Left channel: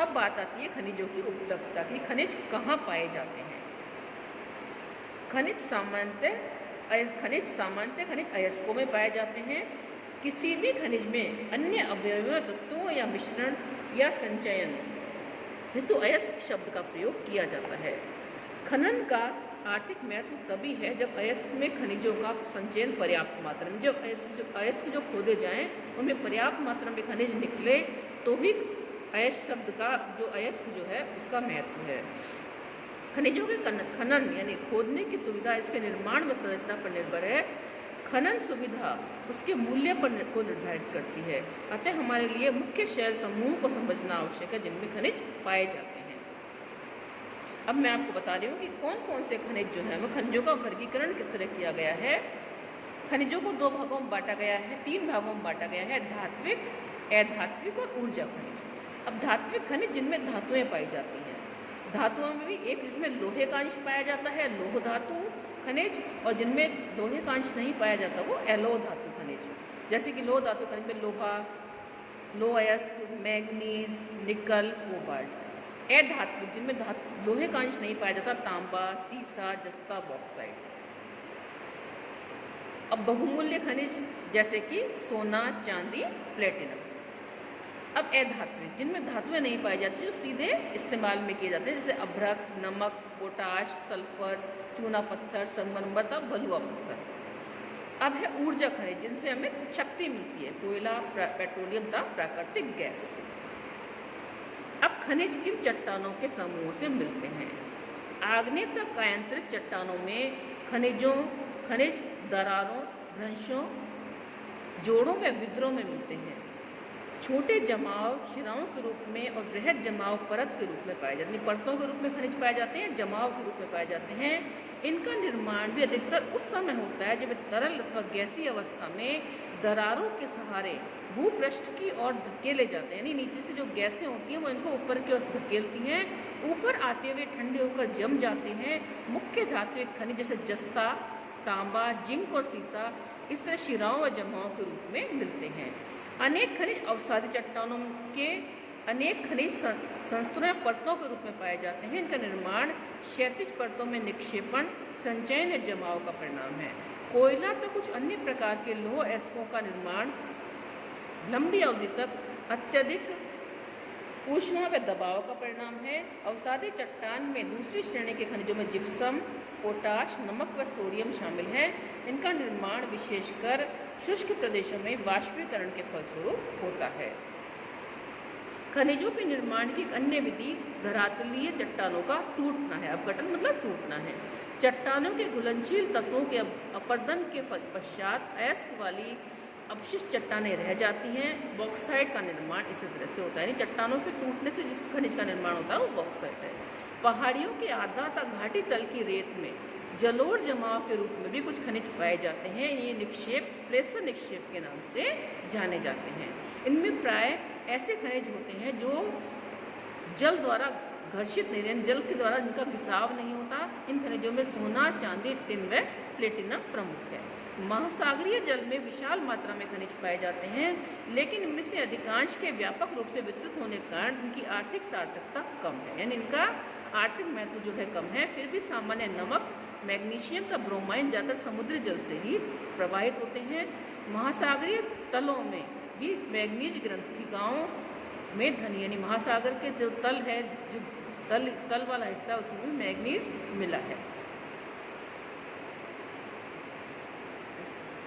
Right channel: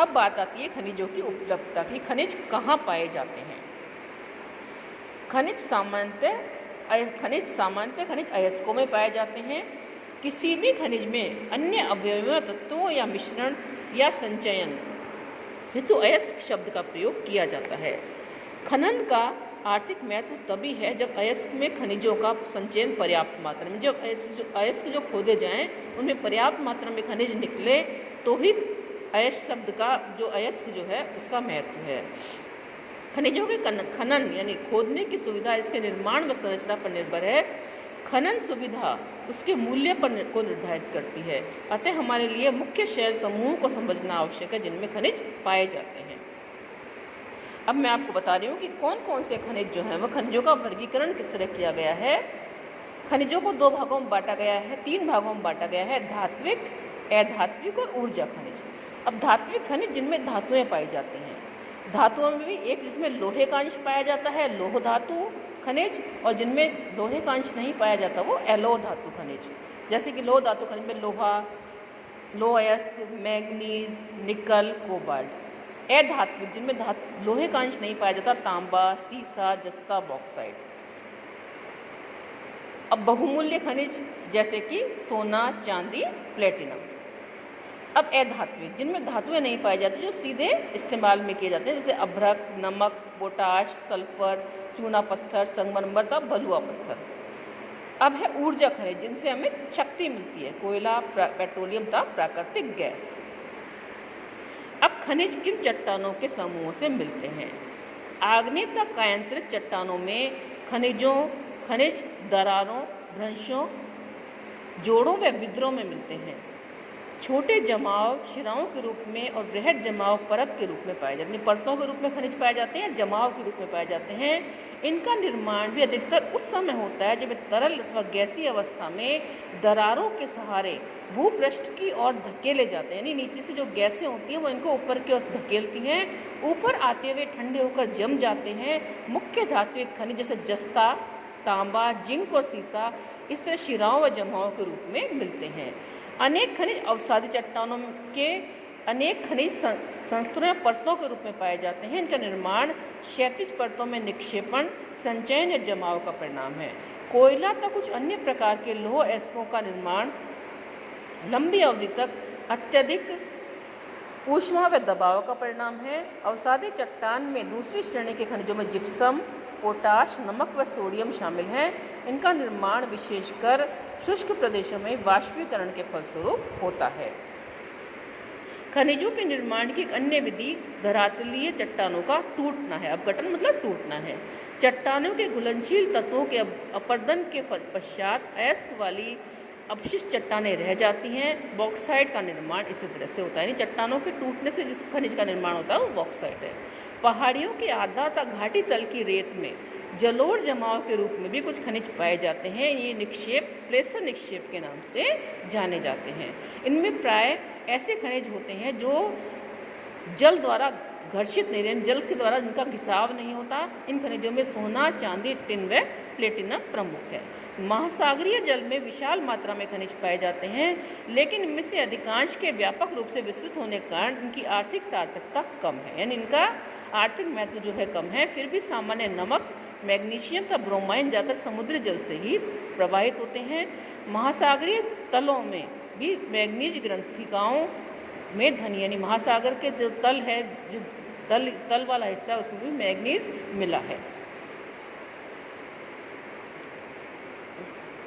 अब बात आती है खनिजों की उपलब्धता की। खनिज कहाँ पाए जाते हैं? खनिज सामान्यतः खनिज अयस्कों में पाए जाते हैं। किसी भी खनिज में अन्य अवयवों, तत्वों या मिश्रण या संचयन हेतु अयस्क शब्द का प्रयोग किया जाता है। खनन का आर्थिक महत्व तभी है जब अयस्क में खनिजों का संचयन पर्याप्त मात्रा में, जब अयस्क जो खोदे जाएं उनमें पर्याप्त मात्रा में खनिज निकले तो ही अयस्क शब्द का जो अयस्क जो है उसका महत्व है। खनिजों के खनन यानी खोदने की सुविधा इसके निर्माण व संरचना पर निर्भर है। खनन सुविधा उसके मूल्य को निर्धारित करती है। अतः हमारे लिए मुख्य शैल समूह को समझना आवश्यक है जिनमें खनिज पाए जाते हैं। अब मैं आपको बता रही हूँ कि कौन कौन से खनिज जो हैं वह खनिजों का वर्गीकरण किस तरह किया गया है। खनिजों को 2 भागों में बांटा गया है, 3 भागों में बांटा गया है, धात्विक, अधात्विक और ऊर्जा खनिज। अब धात्विक खनिज जिनमें धातुएं पाई जाती हैं, धातुओं में भी एक जिसमें लोहे का अंश पाया जाता है लोह धातु खनिज, और जिनमें लोहे का अंश नहीं पाया जाता वो एलो धातु खनिज। जैसे कि लोह धातु खनिज में लोहा, लोह अयस्क, मैग्नीज, निकल, कोबाल्ट। अधात्विक जिनमें लोहे का अंश नहीं पाया जाता तांबा, सीसा, जस्ता, बॉक्साइट। अब बहुमूल्य खनिज जैसे कि सोना, चांदी, प्लेटिनम। अब अधात्विक जिनमें धातुएं नहीं पाई जाती जो सीधे इस्तेमाल में किए जाते हैं, जैसे अभ्रक, नमक, पोटाश, सल्फर, चूना पत्थर, संगमरमर तथा बलुआ पत्थर। अब है ऊर्जा खनिज जिनसे हमें शक्ति मिलती है, कोयला, पेट्रोलियम तथा प्राकृतिक गैस। अब खनिज किन चट्टानों के समूहों से मिलते हैं? आग्नेय तथा कायांतरित चट्टानों में खनिज दरारों, भ्रंशों, जोड़ों व विद्रों में मिलते हैं। छोटे जमाव शिराओं के रूप में और वृहद जमाव परत के रूप में पाए जाते हैं। परतों के रूप में खनिज पाए जाते हैं, जमाव के रूप में पाए जाते हैं। इनका निर्माण भी अधिकतर उस समय होता है जब तरल अथवा गैसीय अवस्था में दरारों के सहारे भूपृष्ठ की ओर धकेले जाते हैं। यानी नीचे से जो गैसें होती हैं वो इनको ऊपर की ओर धकेलती हैं, ऊपर आते हुए ठंडे होकर जम जाते हैं। मुख्य धात्विक खनिज जैसे जस्ता, तांबा, जिंक और सीसा इस तरह शिराओं व जमाव के रूप में मिलते हैं। अनेक खनिज अवसादी चट्टानों के अनेक खनिज संस्तरों या परतों के रूप में पाए जाते हैं। इनका निर्माण क्षैतिज परतों में निक्षेपण, संचयन या जमाव का परिणाम है। कोयला तथा कुछ अन्य प्रकार के लोह अयस्कों का निर्माण लंबी अवधि तक अत्यधिक ऊष्मा व दबाव का परिणाम है। अवसादी चट्टान में दूसरी श्रेणी के खनिजों में जिप्सम, पोटाश, नमक व सोडियम शामिल हैं। इनका निर्माण विशेषकर शुष्क प्रदेशों में वाष्पीकरण के फलस्वरूप होता है। खनिजों के निर्माण की एक अन्य विधि धरातलीय चट्टानों का टूटना है। अपघटन मतलब टूटना है। चट्टानों के घुलनशील तत्वों के अपरदन के पश्चात अयस्क वाली अपशिष्ट चट्टानें रह जाती हैं। बॉक्साइट का निर्माण इसी तरह से होता है। यानी चट्टानों के टूटने से जिस खनिज का निर्माण होता है वो बॉक्साइट है। पहाड़ियों के आधा तथा घाटी तल की रेत में जलोढ़ जमाव के रूप में भी कुछ खनिज पाए जाते हैं। ये निक्षेप प्रेशर निक्षेप के नाम से जाने जाते हैं। इनमें प्राय ऐसे खनिज होते हैं जो जल द्वारा घर्षित नहीं रहते, जल के द्वारा इनका घिसाव नहीं होता। इन खनिजों में सोना, चांदी, टिन व प्लेटिनम प्रमुख है। महासागरीय जल में विशाल मात्रा में खनिज पाए जाते हैं, लेकिन इनमें से अधिकांश के व्यापक रूप से विस्तृत होने के कारण इनकी आर्थिक सार्थकता कम है। यानी इनका आर्थिक महत्व जो है कम है। फिर भी सामान्य नमक, मैग्नीशियम का ब्रोमाइन ज़्यादातर समुद्री जल से ही प्रवाहित होते हैं। महासागरीय तलों में भी मैग्नीज ग्रंथिकाओं में धनी, यानी महासागर के जो तल है, जो तल वाला हिस्सा है उसमें भी मैग्नीज मिला है।